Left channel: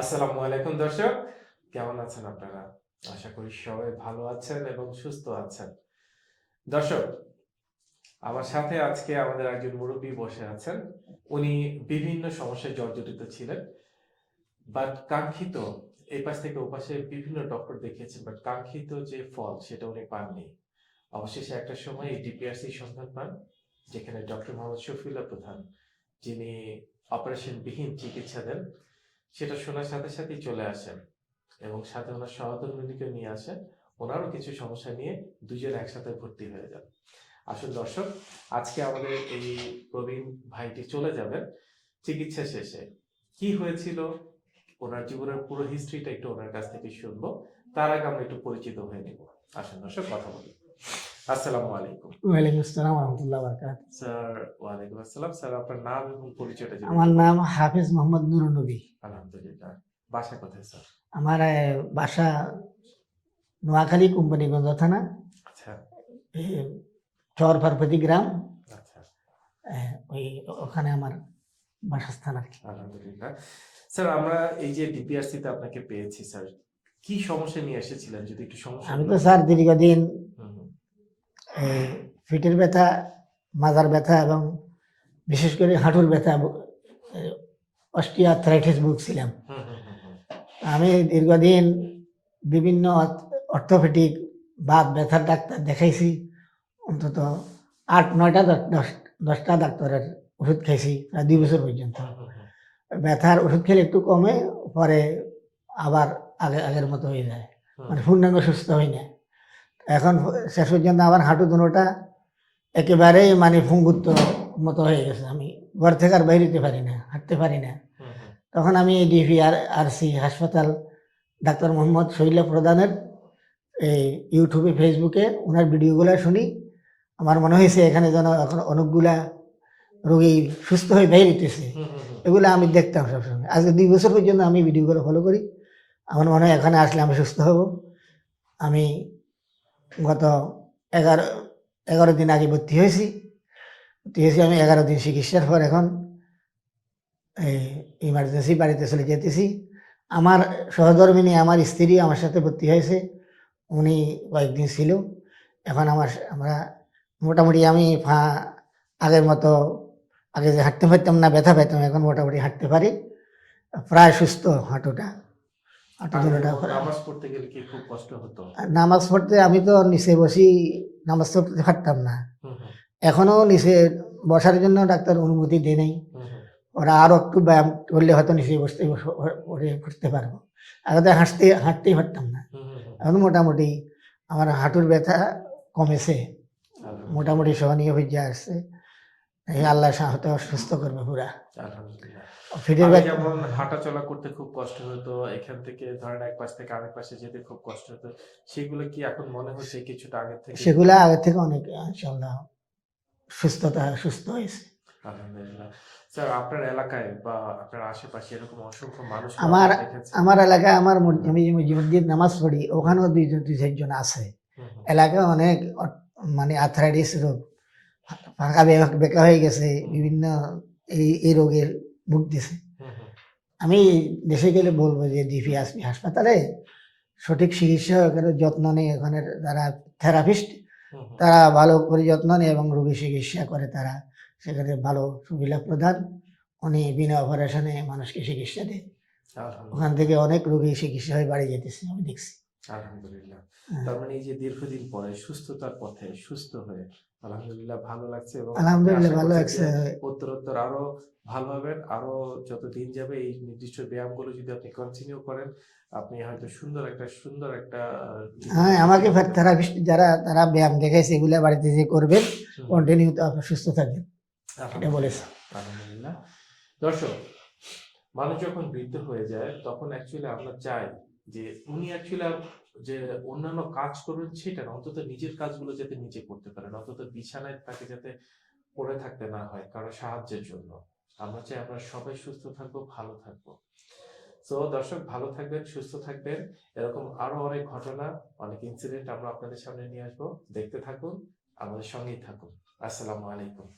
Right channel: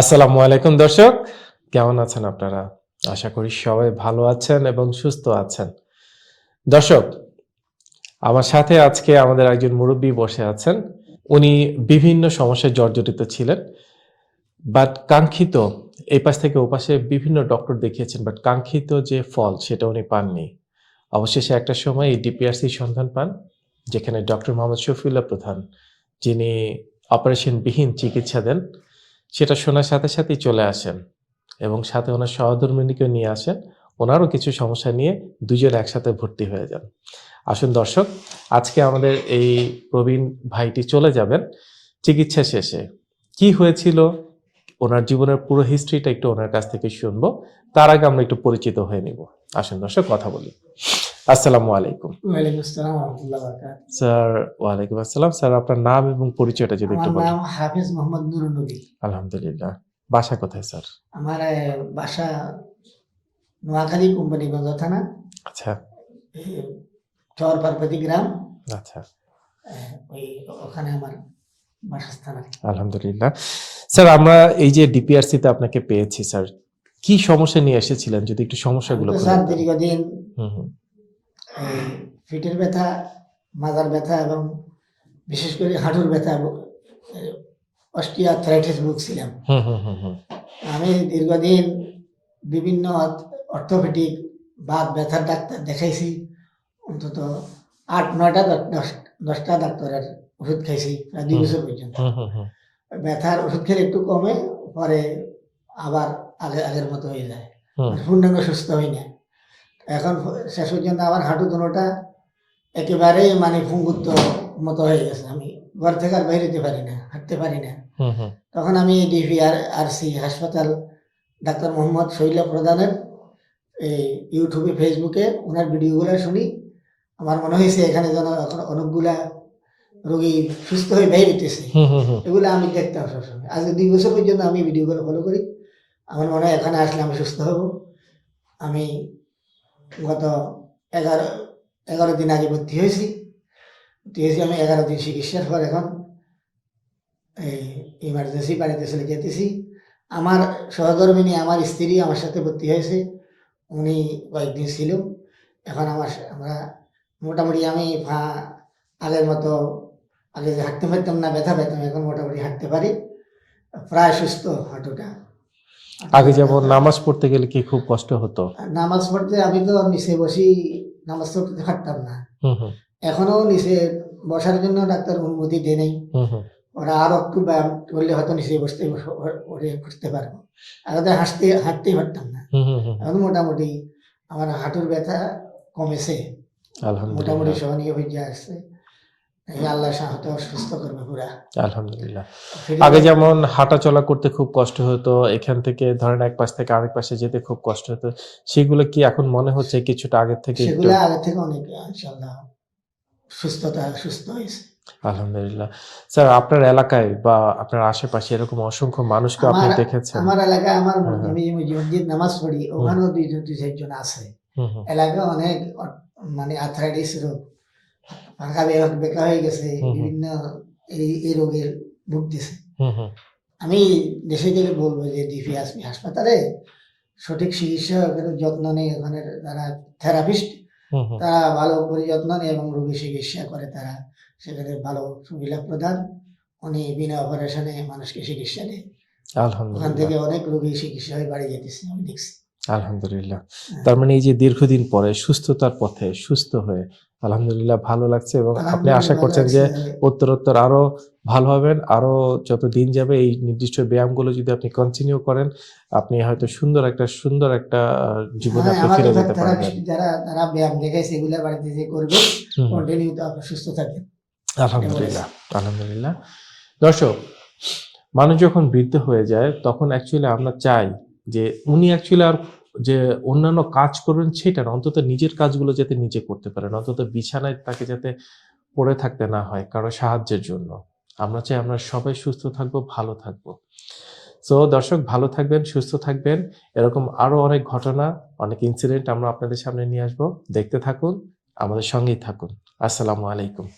আসসালামু আলাইকুম দর্শক, কেমন আছেন আপনারা? আশা করি সবাই ভালো আছেন এবং সুস্থ আছেন। দর্শক, আমার সাথে আজকে আমাদের একজন মুরব্বী বসে আছেন। উনি বিভিন্ন সমস্যায় জর্জরিত ছিলেন বাট কাঙ্ক্ষিত, এই পাশ থেকে ও পাশে বিভিন্ন ডক্টর দেখিয়েছেন বাট কাঙ্ক্ষিত যে ফল সেটা উনি পাননি। অবশেষে একটা সময় এই ডিপিআরসি সন্ধান পান, যেখানে ডক্টর মোহাম্মদ শফিউল্লাহ প্রধান, যিনি অপারেশনবিহীন চিকিৎসা দেন। সেটা শোনার সাথে সাথেই চলে আসেন এবং সাথে ওনার সহধর্মিনীকেও নিয়ে আসেন। ওনারও কিছু সমস্যা নিয়ে দুজন একসাথে ভর্তি হয়ে যান। আসুন দর্শক, আজকে আমাদের এই প্রবীণ ভাইটি চলে যাবেন চিকিৎসা শেষে। কি হয়েছিল? ওনার জীবনের পুরো হিস্ট্রিটা একটু ওনার কাছ থেকে শুনব। তার আগে আমরা একটু পরিচিত হয়ে নিব। আসুন দর্শক, কথা বলি। আসসালামু আলাইকুম। স্যার ওয়ালাইকুম আসসালাম। স্যার আপনার নাম এবং পরিচয়টা যদি একটু বলেন। নাম হাফিজ মোহাম্মদ নুরুল নবী আলহামদুলিল্লাহ। বাসা কোথায় স্যার? আমার বাসা নোয়াখালী কোম্পানিগঞ্জ থানা। আচ্ছা। চর পার্বতী গ্রাম। আচ্ছা। ওই ওখানে আমার বাসস্থান আর আলহামদুলিল্লাহ। স্যার আমরা এই যে ডিপিআরসি তে আপনাকে পেয়েছি স্যার কি সমস্যা নিয়ে এসেছিলেন? যদি একটু সমস্যাগুলো স্যার দীর্ঘদিন পিঠের ব্যথা মাজার ব্যথা এবং বিশেষ করে হাঁটুর ব্যথা অস্টিওআর্থ্রাইটিস ভুগছিলাম। আমি দীর্ঘদিন বিভিন্ন অর্থোপেডিক বা ব্যথার ডাক্তার দেখাইছি। অন্তত আট নয়টা দশটা ডাক্তারের ওষুধ খাইছি প্রায় দুই বছর পর্যন্ত। ব্যথার ওষুধ খেলে একটু কমে পরে আবার আগে আগের মতো হয়ে যায়। পূর্ণাঙ্গ সুস্থ হয় না এখন শেষ পর্যন্ত আমার হাঁটু দুটোটা একেবারেই মানে ফুঙ্গুত্ব মতো হয়ে গেছে। আমি ঘর থেকে আর বাইরে যেতে পারি না হাঁটতে পারি না। তখন আমি ডিভিআর আরসি হাসপাতাল ডাক্তার মোহাম্মদ শৈলা প্রধানের এই ইউটিউবে ফেসবুকে ওনার ভিডিওগুলো শুনি। আমার মনে হয়েছে এখানে যেন এখন অনেকগুলা রোগী সুস্থ হয়ে হুম হুম এগুলো আমি দেখতাম সবসময়। আজকে দুই বছর পর্যন্ত আমি ভিডিওগুলো ফলো করি। আমার মনে হয় এখানে আসলে আমি সুস্থ হব। আমি গত এগারো এগারো দিন আগে ভর্তি হয়েছি। ভর্তি হয়েছি আমি এগারো দিন চিকিৎসার পর এখন এই ইমার্জেন্সি বাড়িতে চলে যেতেছি। আমার সহধর্মিনী, আমার স্ত্রী আমার সাথে ভর্তি হয়েছে। উনি কয়েকদিন ছিল। এখন আমার আমরা মোটামুটি আমি পা- আগের মতো আগে যে হাঁটতে পারতাম না, ব্যথা পেতাম এখন মোটামুটি হাঁটতে পারি। প্রায় সুস্থ হাঁটুটা। আগে যেমন নামাজ পড়তে গেলে কি খুব কষ্ট হতো? নামাজ পড়তে আমি তো নিচে বসি নামাজ পড়তে পারতাম না। এখনও নিচে বসার জন্য ডাক্তার অনুমতি দিয়ে নেই। ওরা আরও একটু ব্যায়াম করলে হয়তো নিচে বসতে করতে পারব। আগে তো হাঁটতে হাঁটতেই পারতাম না। এখন মোটামুটি আমার হাঁটুর ব্যথা কমেছে। মোটামুটি সহনীয় হয়ে আসছে আল্লাহ সাহত সুস্থ করবে পুরা। আলহামদুলিল্লাহ। আগে যেমন হাঁটা চলা করতে খুব কষ্ট হতো এখান থেকে ধরেন এক পাশ থেকে আরেক পাশে যেতে খুব কষ্ট হতো সেগুলো কি এখন মনে হচ্ছে কিছুটা থেকে সেগুলো আগে থেকে অনেক ইনশাল্লাহ সুস্থতা সুস্থ হয়েছে। আলহামদুলিল্লাহ। স্যার আপনার এলাকায় বা আপনার আশেপাশে এরকম অসংখ্য মানুষকে আপনি আমার- দেখেছেন? আমার এলাকায় আমার হ্যাঁ, হ্যাঁ। আমি যে মসজিদ নামাজ পড়ি ওখানেও দুইজন দুই চারজন আছে। এলাকায় অনেক মানে আর্থ্রাইটিস রোগ। ফাঁকা বেকা- বেকা হয়ে গেছে। বিভিন্ন এই এই রোগের ভুগতেছে আমি দেশে গেলে বলব যে ডিপি আসবি হাসপাতালে সঠিক চিকিৎসা ওখানে যত্ন নেই ওখানে যারা থেরাপিস্ট তারা ভালো করে যত্ন নেয় এবং রোগী চিকিৎসা করে তারা। সেখানে ভালো সুবিধা প্রদান উনি বিনা অপারেশনে মানুষকে চিকিৎসা দেয়। ওখান থেকে অনেক রোগী চিকিৎসা হয়ে বাড়ি যেতেছে আমি দেখছি। আলহামদুলিল্লাহ। হ্যাঁ। তার মানে এই যে দীর্ঘদিন পরে সুস্থতার পথে সুস্থ হয়ে আলহামদুলিল্লাহ ভালো লাগছে এবং আপনি আশা করছেন যে। উত্তরোত্তর আরও ভালো হবেন আরও যত দিন যাবে এই নির্দিষ্ট ব্যায়ামগুলো যদি আপনি কন্টিনিউ করেন আপনি হয়তো সুন্দর একটা সুন্দর একটা জীবনে হ্যাঁ যারা তারা ব্যায়াম দেখাইছে এগুলা বাড়িতে যে করবে হুম হুম। কন্টিনিউ তো আপনি সুস্থ থাকবেন আলহামদুলিল্লাহ আলহামদুলিল্লাহ দর্শক মানুষ যখন বৃদ্ধ হয়ে যায় তখন অ্যাকচুয়ালি আমরা চাই যে উনি অ্যাকচুয়ালি আর যে অন্যান্য কাজ করবেন সেটা না অন্তত নিজের কাজগুলো যাতে নিজে করতে পারেন, অন্তত বিছানায় তাকে যাতে পড়ে থাকতে না হয় কারও সাহায্যের জন্য। আমরা চাই আমরা সবাই সুস্থ থাকব, ভালো থাকব। সো দর্শক, ভালো থাকবেন, সুস্থ থাকবেন। এরকম আরও অনেক ঘটনা, অনেক ইনসিডেন্ট আমরা আপনাদের সামনে নিয়ে আসব। দেখতে থাকুন, আমাদের সঙ্গেই থাকুন। আসসালামু আলাইকুম।